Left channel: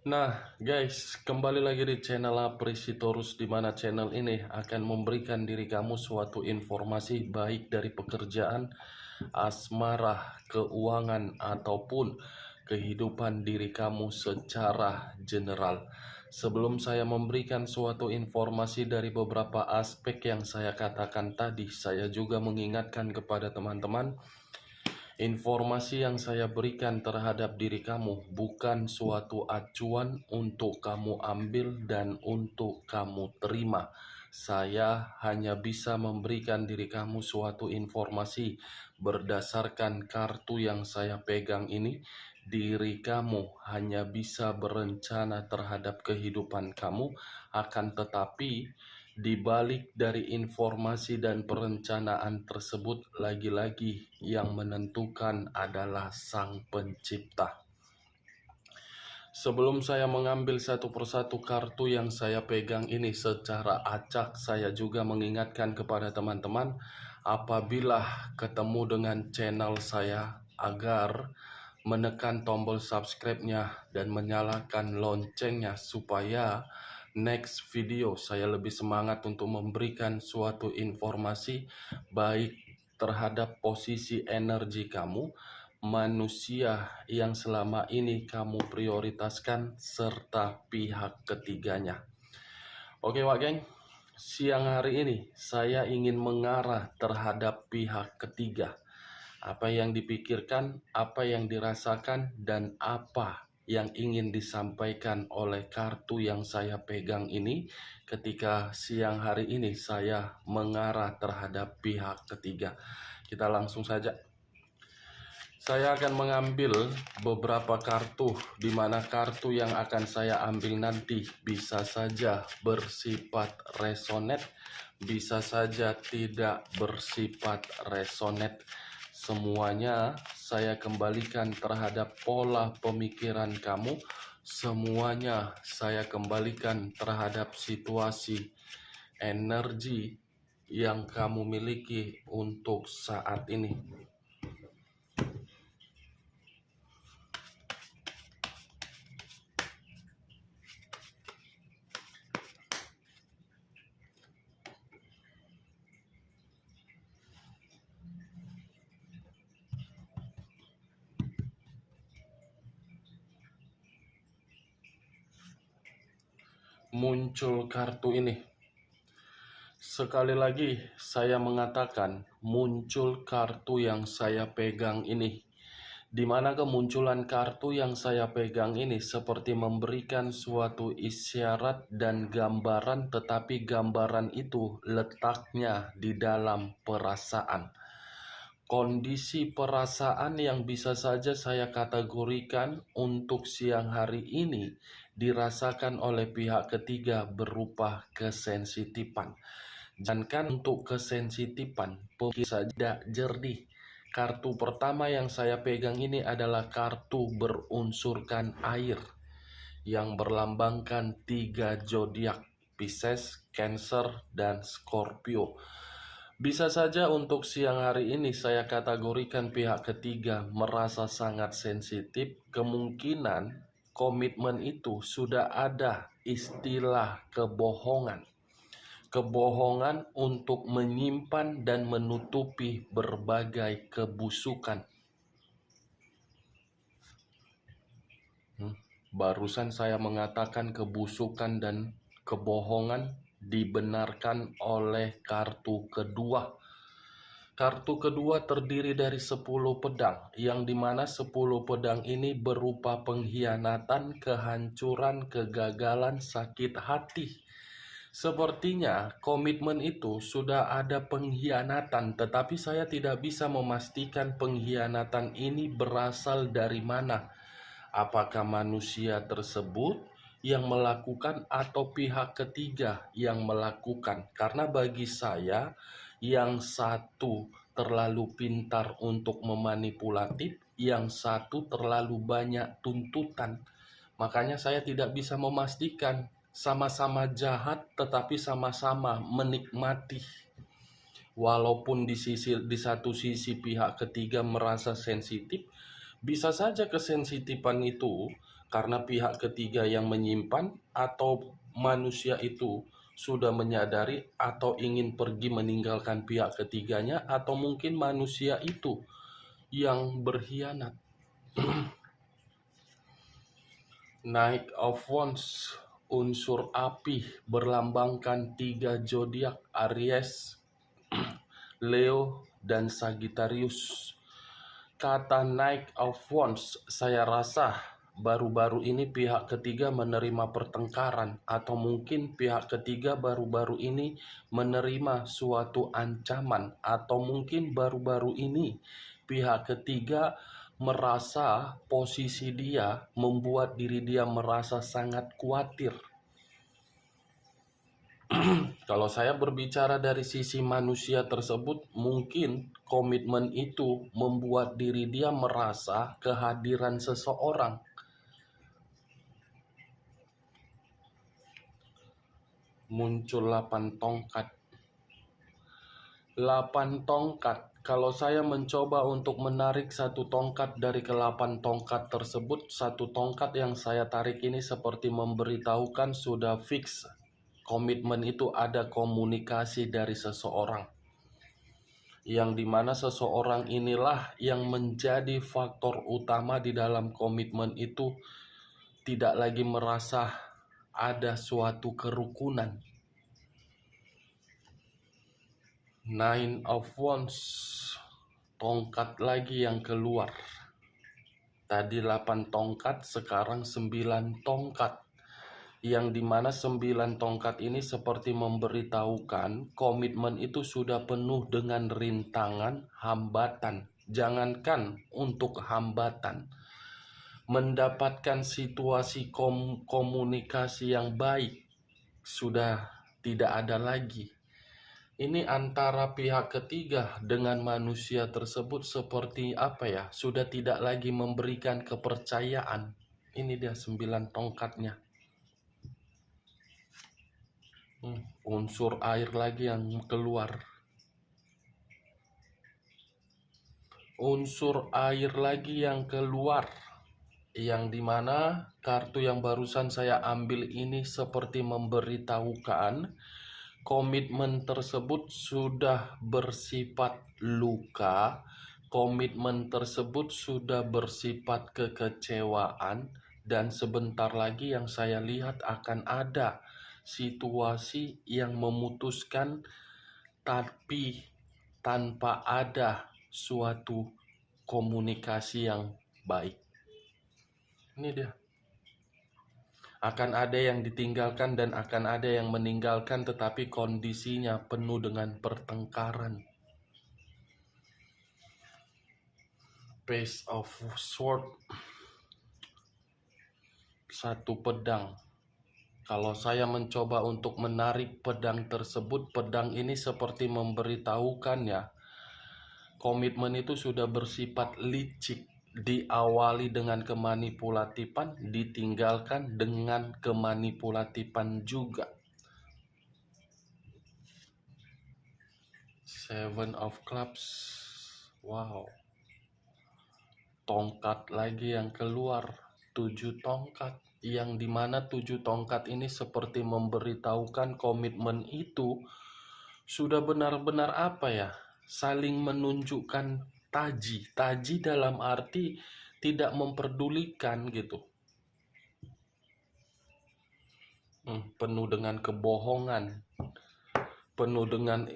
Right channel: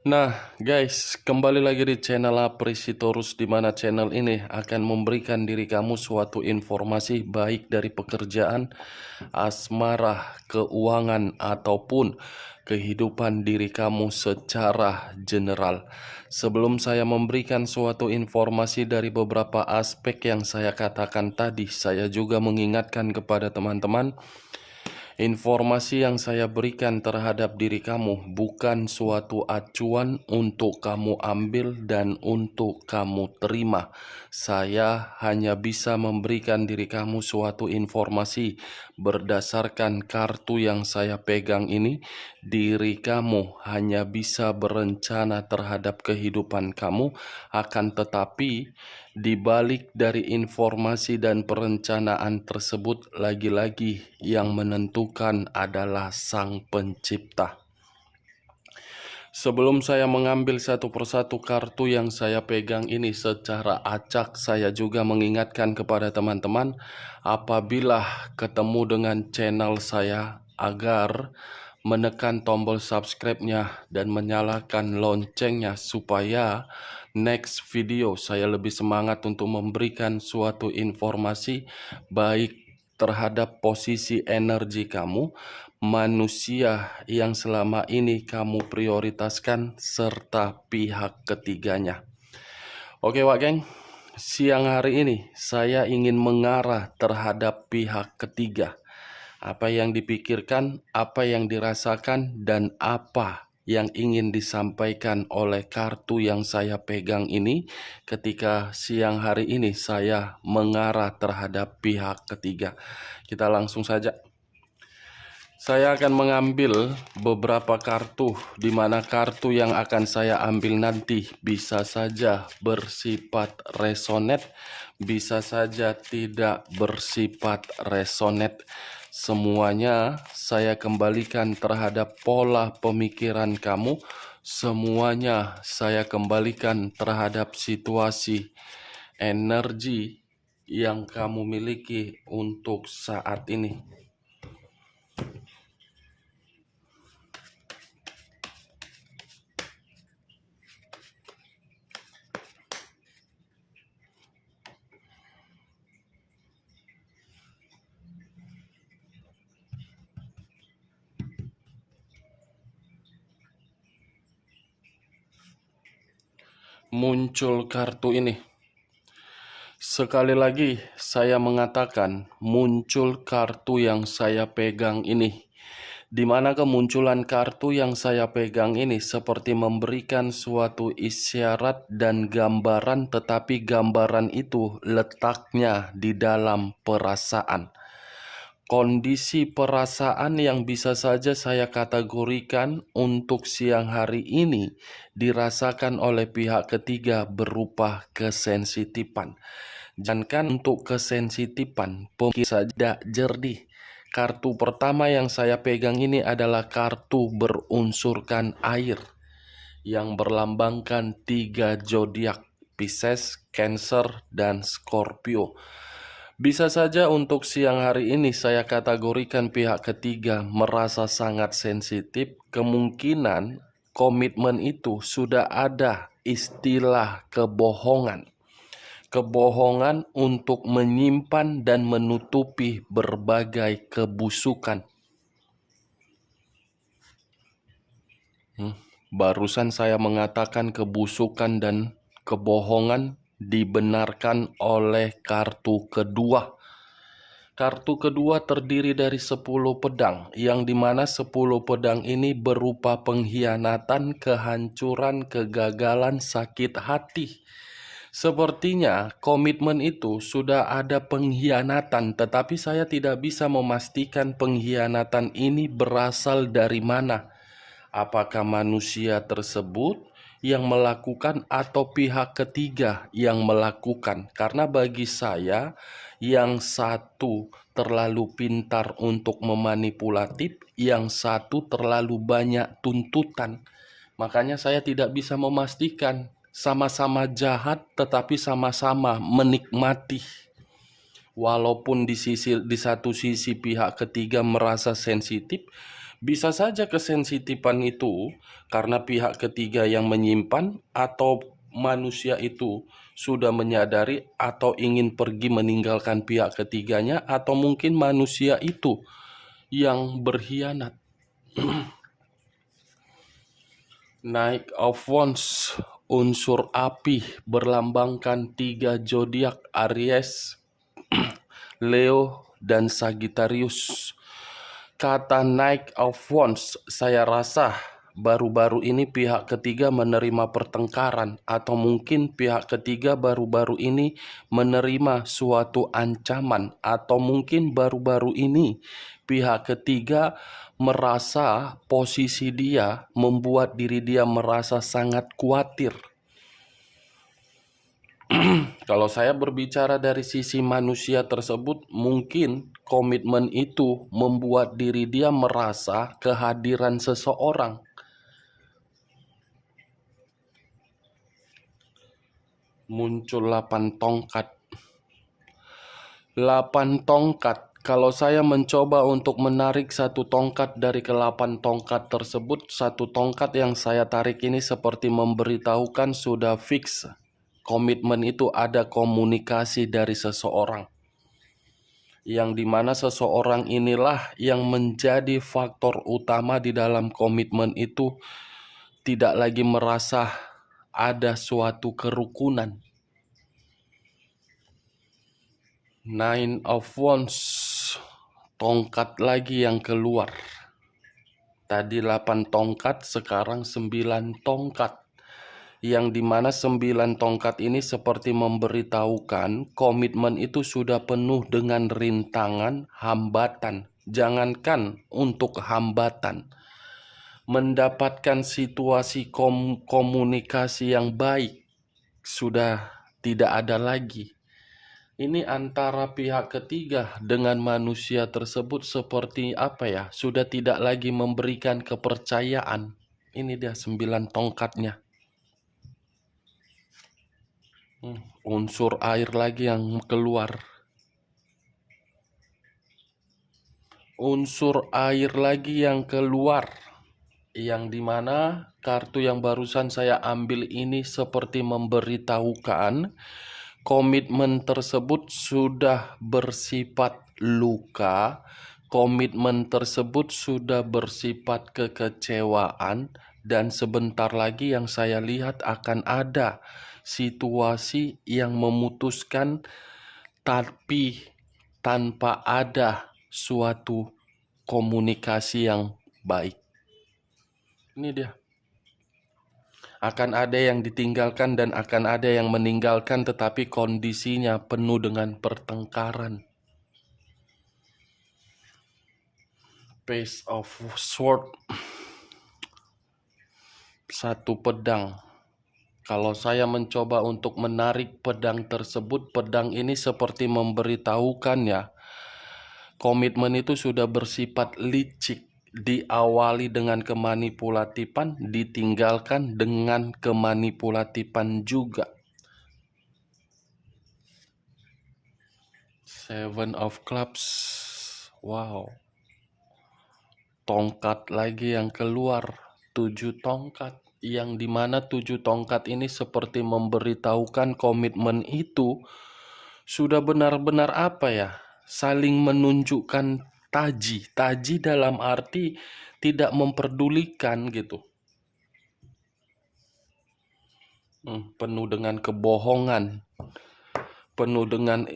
Nah, guys, kembali lagi di channel Aprisitorus, di mana channel ini akan memberikan diri kamu suatu informasi baik dari pekerjaan, asmara, keuangan, ataupun kehidupan diri kamu secara general. Sebelum saya memberikan suatu informasi dari beberapa aspek yang saya katakan tadi, saya juga mengingatkan kepada teman-teman, informasi yang saya berikan terhadap diri kamu bukan suatu acuan untuk kamu ambil dan untuk kamu terima. Saya hanya bisa memberikan diri kamu suatu informasi berdasarkan kartu yang saya pegang ini. Diri kamu hanya bisa berencana terhadap kehidupan kamu, akan tetapi di balik dari informasi dan perencanaan tersebut, lagi-lagi yang menentukan adalah Sang Pencipta. Sebelum saya mengambil satu persatu kartu yang saya pegang ini secara acak, saya juga mengingatkan kepada teman-teman, apabila ketemu dengan channel saya, agar menekan tombol subscribe-nya dan menyalakan loncengnya supaya next video saya lebih semangat untuk memberikan suatu informasi baik terhadap posisi energi kamu, manusia yang selama ini kamu prioritaskan, serta pihak ketiganya. Oke Wak Geng, siang hari ini saya ingin mengarah terhadap pihak ketiga. Apa yang dipikirkan, apa yang dirasakan, dan apa yang ingin disampaikan oleh kartu yang saya pegang ini ketika siang hari ini saya mengarah terhadap pihak ketiga. Kita langsung saja. Saya akan mengambil beberapa kartu, di mana kartu yang akan saya ambil nanti bisa saja bersifat resonate, bisa saja tidak bersifat resonate. Semuanya saya kembalikan terhadap pola pemikiran kamu, semuanya saya kembalikan terhadap situasi energi yang kamu miliki untuk saat ini. Muncul kartu ini. Sekali lagi saya mengatakan, muncul kartu yang saya pegang ini. Di mana kemunculan kartu yang saya pegang ini seperti memberikan suatu isyarat dan gambaran, tetapi gambaran itu letaknya di dalam perasaan. Kondisi perasaan yang bisa saja saya kategorikan untuk siang hari ini dirasakan oleh pihak ketiga berupa kesensitifan. Jangankan untuk kesensitifan, pemikiran saja jernih. Kartu pertama yang saya pegang ini adalah kartu berunsurkan air yang berlambangkan 3 zodiak, Pisces, Cancer, dan Scorpio. Bisa saja untuk siang hari ini saya kategorikan pihak ketiga merasa sangat sensitif. Kemungkinan komitmen itu sudah ada istilah kebohongan. Kebohongan untuk menyimpan dan menutupi berbagai kebusukan. Barusan saya mengatakan kebusukan dan kebohongan dibenarkan oleh kartu kedua. Kartu kedua terdiri dari 10 pedang, yang dimana 10 pedang ini berupa pengkhianatan, kehancuran, kegagalan, sakit hati. Sepertinya komitmen itu sudah ada pengkhianatan, tetapi saya tidak bisa memastikan pengkhianatan ini berasal dari mana. Apakah manusia tersebut yang melakukan atau pihak ketiga yang melakukan? Karena bagi saya, yang satu terlalu pintar untuk memanipulatif, yang satu terlalu banyak tuntutan. Makanya saya tidak bisa memastikan, sama-sama jahat tetapi sama-sama menikmati. Walaupun di satu sisi pihak ketiga merasa sensitif, Bisa saja kesensitifan itu karena pihak ketiga yang menyimpan, atau manusia itu sudah menyadari atau ingin pergi meninggalkan pihak ketiganya, atau mungkin manusia itu yang berkhianat. Knight of Wands, unsur api, berlambangkan 3 zodiak Aries, Leo, dan Sagittarius. Kata Knight of Wands, saya rasa baru-baru ini pihak ketiga menerima pertengkaran, atau mungkin pihak ketiga baru-baru ini menerima suatu ancaman, atau mungkin baru-baru ini pihak ketiga merasa posisi dia membuat diri dia merasa sangat khawatir. Kalau saya berbicara dari sisi manusia tersebut, mungkin komitmen itu membuat diri dia merasa kehadiran seseorang. Muncul 8 tongkat. 8 tongkat. Kalau saya mencoba untuk menarik satu tongkat dari ke-8 tongkat tersebut, satu tongkat yang saya tarik ini seperti memberitahukan sudah fix. Komitmen itu ada komunikasi dari seseorang, yang dimana seseorang inilah yang menjadi faktor utama di dalam komitmen itu, tidak lagi merasa ada suatu kerukunan. Nine of Wands, tongkat lagi yang keluar. Tadi 8 tongkat, sekarang 9 tongkat. Yang dimana 9 tongkat ini seperti memberitahukan komitmen itu sudah penuh dengan rintangan, hambatan. Jangankan untuk hambatan, mendapatkan situasi komunikasi yang baik sudah tidak ada lagi. Ini antara pihak ketiga dengan manusia tersebut seperti apa ya? Sudah tidak lagi memberikan kepercayaan. Ini dia 9 tongkatnya. Unsur air lagi yang keluar. Unsur air lagi yang keluar. Yang dimana kartu yang barusan saya ambil ini seperti memberitahukan komitmen tersebut sudah bersifat luka. Komitmen tersebut sudah bersifat kekecewaan. Dan sebentar lagi yang saya lihat akan ada situasi yang memutuskan, tapi tanpa ada suatu komunikasi yang baik. Ini dia. Akan ada yang ditinggalkan dan akan ada yang meninggalkan, tetapi kondisinya penuh dengan pertengkaran. Page of Sword, satu pedang. Kalau saya mencoba untuk menarik pedang tersebut, pedang ini seperti memberitahukan ya, komitmen itu sudah bersifat licik, diawali dengan kemanipulatifan, ditinggalkan dengan kemanipulatifan juga. Seven of Clubs, wow, tongkat lagi yang keluar, 7 tongkat. Yang dimana 7 tongkat ini seperti memberitahukan komitmen itu sudah benar-benar apa ya, saling menunjukkan taji. Taji dalam arti tidak memperdulikan gitu. Penuh dengan kebohongan, penuh dengan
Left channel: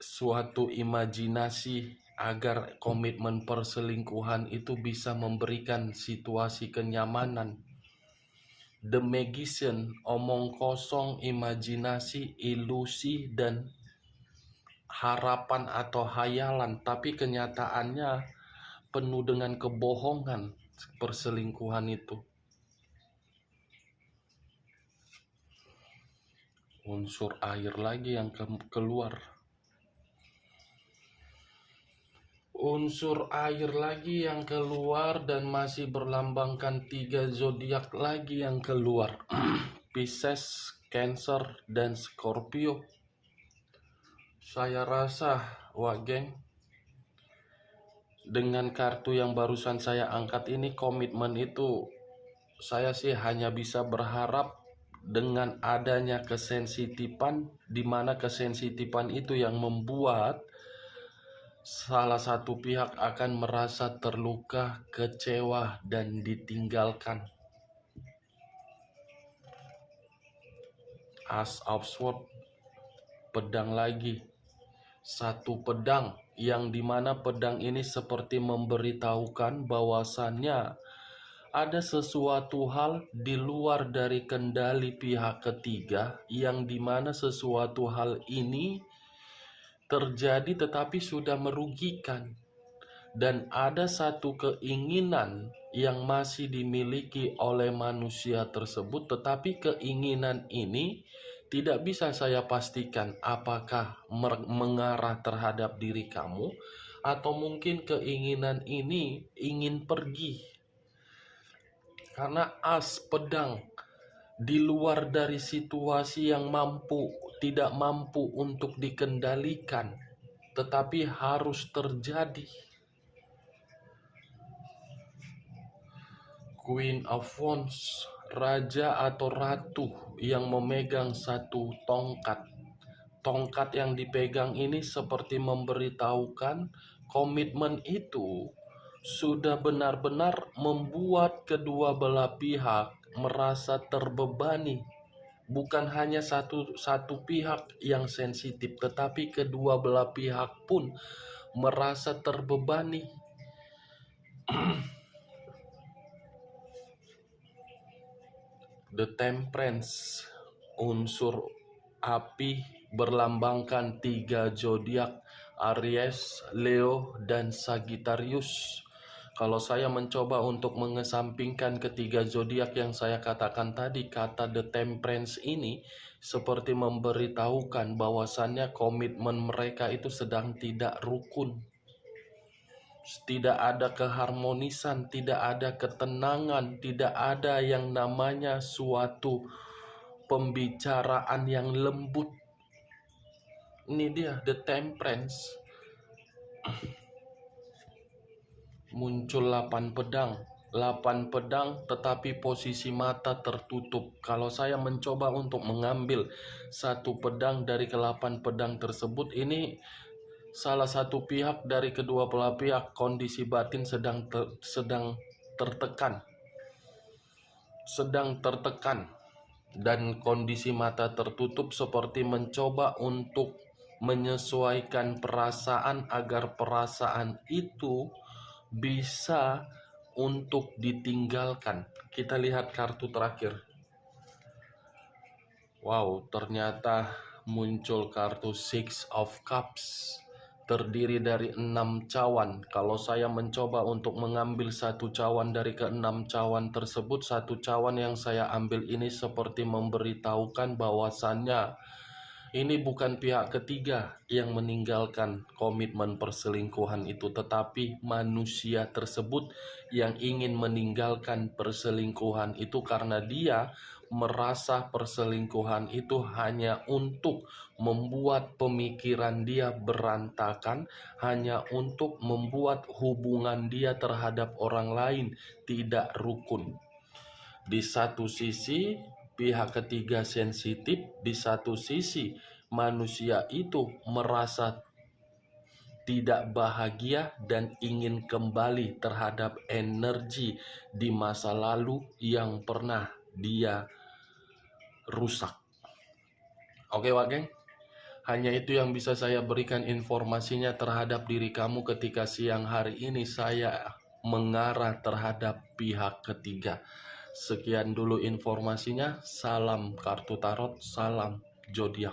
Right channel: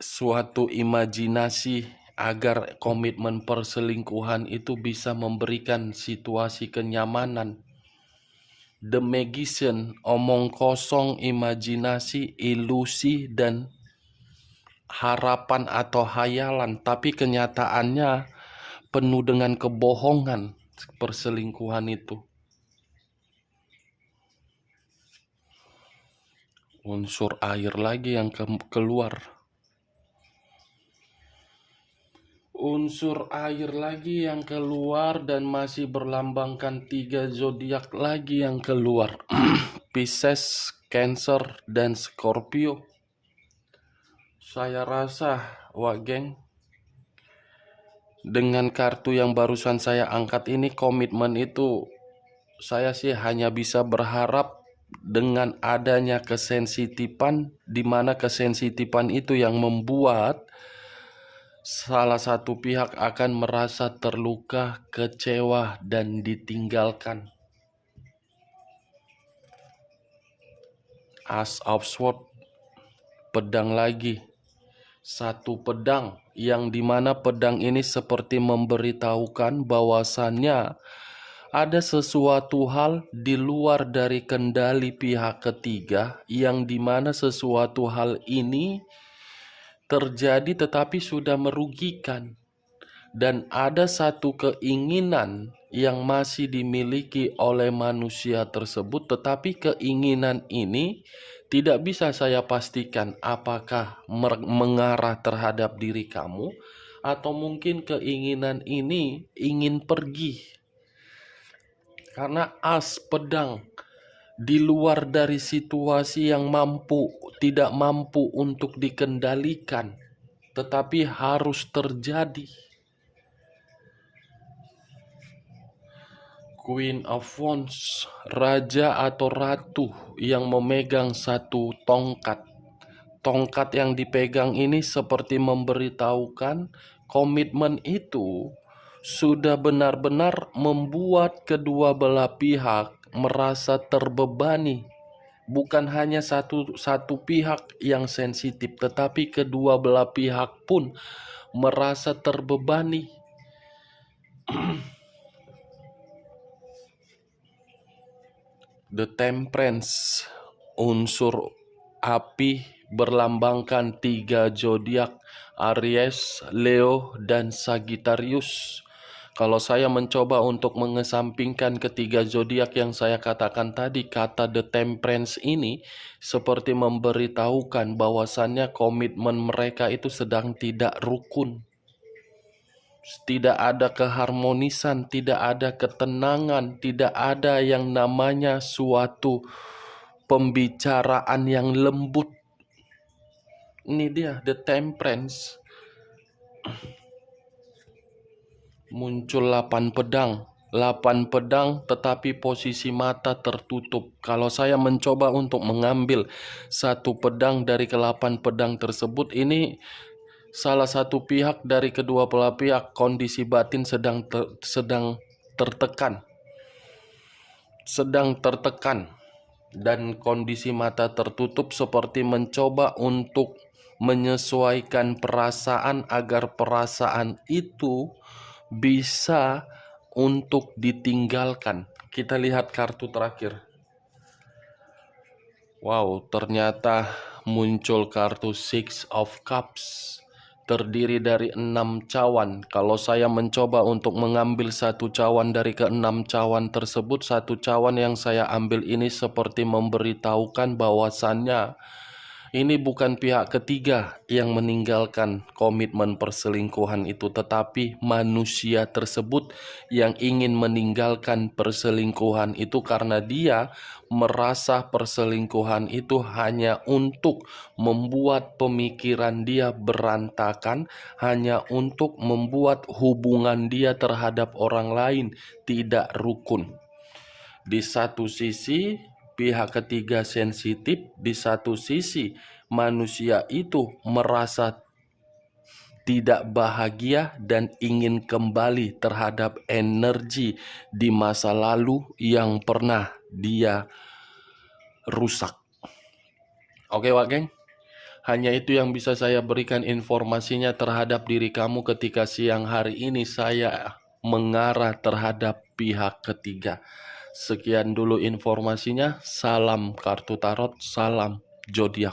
suatu imajinasi agar komitmen perselingkuhan itu bisa memberikan situasi kenyamanan. The Magician, omong kosong, imajinasi, ilusi, dan harapan atau hayalan, tapi kenyataannya penuh dengan kebohongan perselingkuhan itu. Unsur air lagi yang keluar. Unsur air lagi yang keluar dan masih berlambangkan 3 zodiak lagi yang keluar. Pisces, Cancer, dan Scorpio. Saya rasa, wah geng, Dengan kartu yang barusan saya angkat ini, komitmen itu saya sih hanya bisa berharap dengan adanya kesensitifan, di mana kesensitifan itu yang membuat salah satu pihak akan merasa terluka, kecewa, dan ditinggalkan. As of Swords, pedang lagi. Satu pedang yang dimana pedang ini seperti memberitahukan bahwasannya ada sesuatu hal di luar dari kendali pihak ketiga, yang dimana sesuatu hal ini terjadi tetapi sudah merugikan. Dan ada satu keinginan yang masih dimiliki oleh manusia tersebut, tetapi keinginan ini tidak bisa saya pastikan apakah mengarah terhadap diri kamu, atau mungkin keinginan ini ingin pergi. Karena as pedang di luar dari situasi yang tidak mampu untuk dikendalikan, tetapi harus terjadi. Queen of Wands, raja atau ratu yang memegang satu tongkat. Tongkat yang dipegang ini seperti memberitahukan komitmen itu sudah benar-benar membuat kedua belah pihak merasa terbebani. Bukan hanya satu pihak yang sensitif, tetapi kedua belah pihak pun merasa terbebani. The Temperance, unsur api, berlambangkan 3 zodiak, Aries, Leo, dan Sagittarius. Kalau saya mencoba untuk mengesampingkan ketiga zodiak yang saya katakan tadi, kata The Temperance ini seperti memberitahukan bahwasannya komitmen mereka itu sedang tidak rukun. Tidak ada keharmonisan, tidak ada ketenangan, tidak ada yang namanya suatu pembicaraan yang lembut. Ini dia The Temperance. Muncul 8 pedang. 8 pedang tetapi posisi mata tertutup. Kalau saya mencoba untuk mengambil satu pedang dari ke-8 pedang tersebut, ini salah satu pihak dari kedua belah pihak kondisi batin sedang tertekan, dan kondisi mata tertutup seperti mencoba untuk menyesuaikan perasaan agar perasaan itu bisa untuk ditinggalkan. Kita lihat kartu terakhir. Wow, ternyata muncul kartu Six of Cups, terdiri dari 6 cawan. Kalau saya mencoba untuk mengambil satu cawan dari ke-6 cawan tersebut, satu cawan yang saya ambil ini seperti memberitahukan bahwasannya ini bukan pihak ketiga yang meninggalkan komitmen perselingkuhan itu, tetapi manusia tersebut yang ingin meninggalkan perselingkuhan itu karena dia merasa perselingkuhan itu hanya untuk membuat pemikiran dia berantakan, hanya untuk membuat hubungan dia terhadap orang lain tidak rukun. Di satu sisi pihak ketiga sensitif, di satu sisi manusia itu merasa tidak bahagia dan ingin kembali terhadap energi di masa lalu yang pernah dia rusak. Oke, Wak Geng, hanya itu yang bisa saya berikan informasinya terhadap diri kamu ketika siang hari ini saya mengarah terhadap pihak ketiga. Sekian dulu informasinya. Salam kartu tarot, salam zodiak.